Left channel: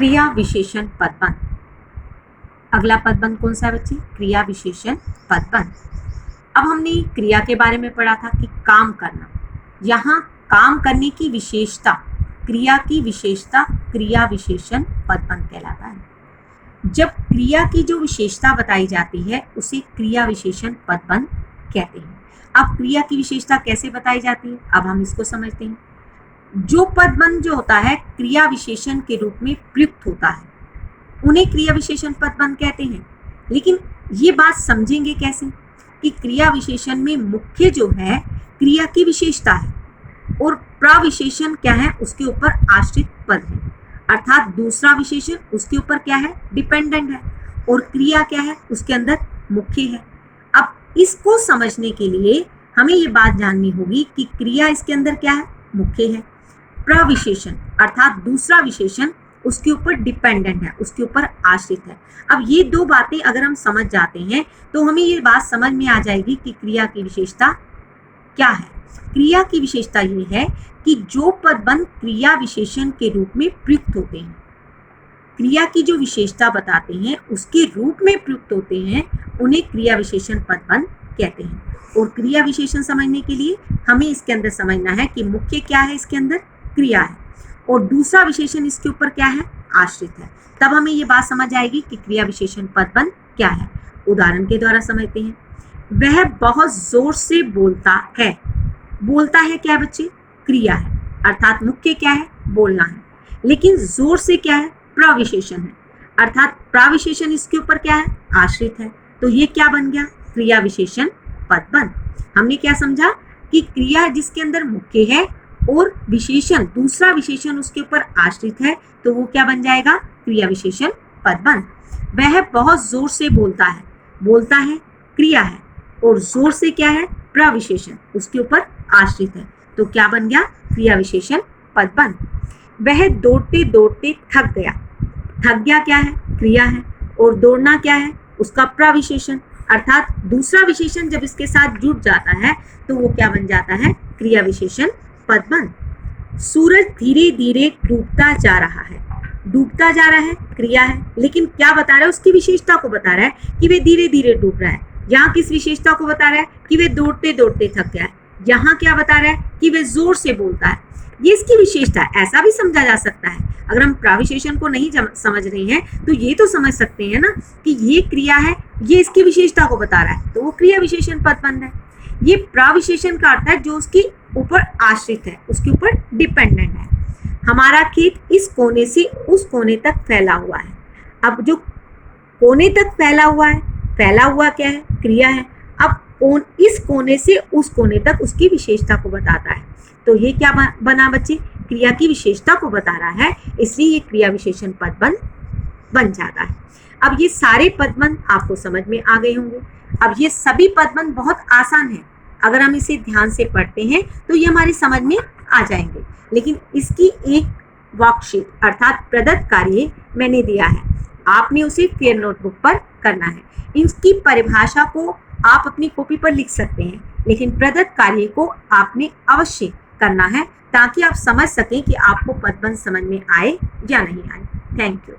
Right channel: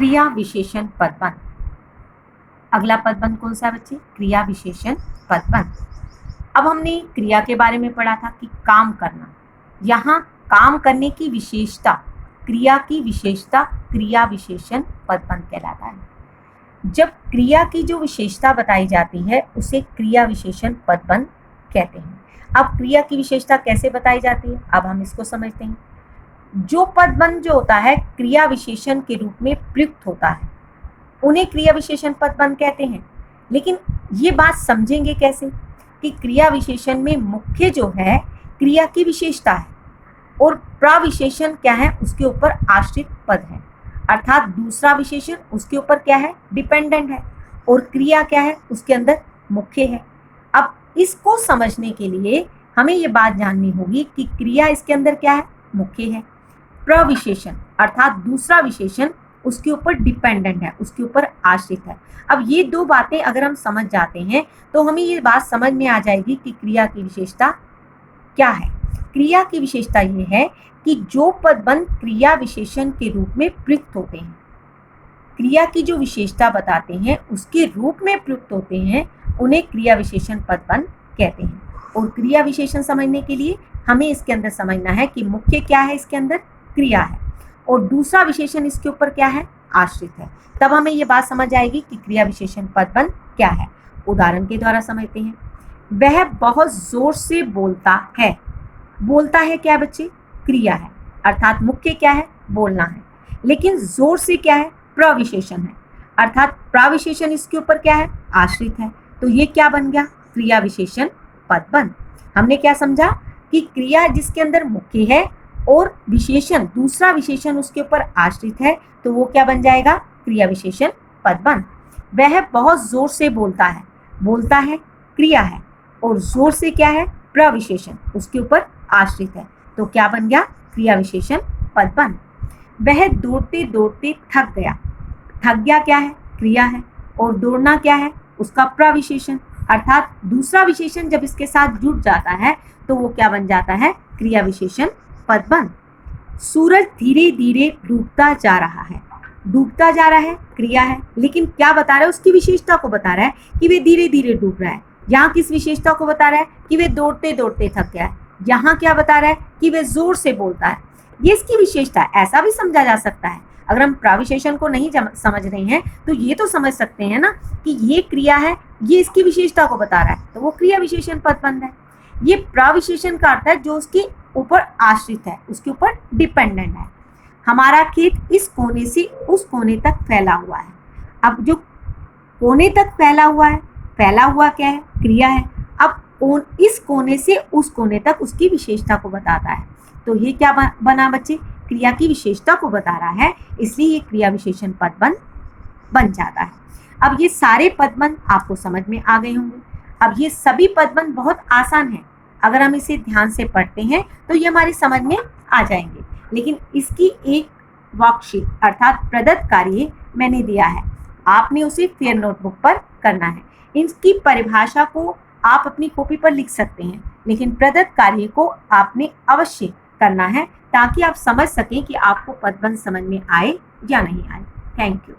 क्रिया विशेषण पदबंध। अगला पदबंध कौन सा है बच्चे? क्रिया विशेषण पदबंध। अब हमने क्रिया के बारे में पढ़ा था कि काम करना। यहाँ काम करने की विशेषता, क्रिया की विशेषता क्रिया विशेषण पदबंध कहलाता है। जब क्रिया की जो विशेषता बताई जाती है उसे क्रिया विशेषण पदबंध कहते हैं। अब क्रिया की विशेषता कैसे बताई जाती है, अब हम इसको समझते हैं। जो पदबंध जो होता है क्रिया विशेषण के रूप में प्रयुक्त होता है उन्हें क्रिया विशेषण पदबंध कहते हैं। लेकिन ये बात समझेंगे कैसे कि क्रिया विशेषण में मुख्य जो है क्रिया की विशेषता है और प्रविशेषण क्या है, उसके ऊपर आश्रित पद है, अर्थात दूसरा विशेषण उसके ऊपर क्या है, डिपेंडेंट है, और क्रिया क्या है, उसके अंदर मुख्य है। अब इसको समझने के लिए हमें ये बात जाननी होगी कि क्रिया इसके अंदर क्या है, मुख्य है, प्रविशेषण अर्थात दूसरा विशेषण उसके ऊपर डिपेंडेंट है, उसके ऊपर आश्रित है। अब ये दो बातें अगर हम समझ जाते हैं तो हमें ये बात समझ में आ जाएगी कि क्रिया की विशेषता क्या है। क्रिया की विशेषता ये है कि जो पदबंध क्रिया विशेषण के रूप में प्रयुक्त होते हैं, क्रिया की जो विशेषता बताते हैं उसके रूप में प्रयुक्त होते हैं, उन्हें क्रिया विशेषण पदबंध कहते हैं। और क्रिया विशेषण समझने के लिए हमें इसके अंदर समझना है कि मुख्य क्या है, इसके अंदर क्रिया है, और दूसरा विशेषण इसके ऊपर क्या है, आश्रित है। तब हमें ये बात समझ आएगी कि क्रिया विशेषण पदबंध क्या है। उदाहरण के द्वारा समझते हैं। वह बहुत जोर से बोलता है। बोलता है क्या बच्चे, क्रिया है, अर्थात मुख्य क्या है, बोलना है, लेकिन जोर से क्या है, प्रविशेषण है, अर्थात प्रविशेषण इसके ऊपर क्या है, आश्रित है। तो ये क्या बन गया, क्रिया विशेषण पदबंध। हमने क्या समझा कि क्रिया जिसके अंदर मुख्य है और विशेषण दूसरा विशेषण उसके ऊपर आश्रित है, तो वो क्या बन जाएगा, क्रिया विशेषण पदबंध। वह बहुत जोर से बोलता है। बोलता है क्रिया है और जोर से क्या है, प्रविशेषण उसके ऊपर आश्रित है, तो क्या बन गया, क्रिया विशेषण पदबंध। वह दौड़ते दौड़ते थक गया। थक गया क्या है, क्रिया है, और दौड़ना क्या है, उसका प्रविशेषण, अर्थात दूसरा विशेषण जब इसके साथ जुड़ जाता है तो वो क्या बन जाता है, क्रिया विशेषण पदबंध। सूरज धीरे धीरे डूबता जा रहा है। डूबता जा रहा है, क्रिया है, लेकिन क्या बता रहा है, उसकी विशेषता को बता रहा है कि वे धीरे धीरे डूब रहा है। यहाँ किस विशेषता को बता रहा है कि वे दौड़ते दौड़ते थक गया है। यहाँ क्या बता रहा है कि वे जोर से बोलता है, ये इसकी विशेषता है। ऐसा भी समझा जा सकता है, अगर हम प्रविशेषण को नहीं समझ रहे हैं तो ये तो समझ सकते हैं ना कि ये क्रिया है, ये इसकी विशेषता को बता रहा है, तो वो क्रिया विशेषण पदबंध है। ये प्रविशेषण का अर्थ है जो उसके ऊपर आश्रित है, उसके ऊपर डिपेंडेंट है। हमारा खेत इस कोने से उस कोने तक फैला हुआ है। अब जो कोने तक फैला हुआ है, फैला हुआ क्या है, क्रिया है। अब इस कोने से उस कोने तक उसकी विशेषता को बताता है, तो ये क्या बना बच्चे, क्रिया की विशेषता को बता रहा है, इसलिए ये क्रिया विशेषण पदबंध बन जाता है। अब ये सारे पदबंध आपको समझ में आ गए होंगे। अब ये सभी पदबंध बहुत आसान है, अगर हम इसे ध्यान से पढ़ते हैं तो ये हमारी समझ में आ जाएंगे। लेकिन इसकी एक वर्कशीट अर्थात प्रदत्त कार्य मैंने दिया है, आपने उसे फेयर नोटबुक पर करना है। इसकी परिभाषा को आप अपनी कॉपी पर लिख सकते हैं, लेकिन प्रदत्त कार्य को आपने अवश्य करना है ताकि आप समझ सकें कि आपको पदबंध समझ में आए या नहीं आए। Thank you.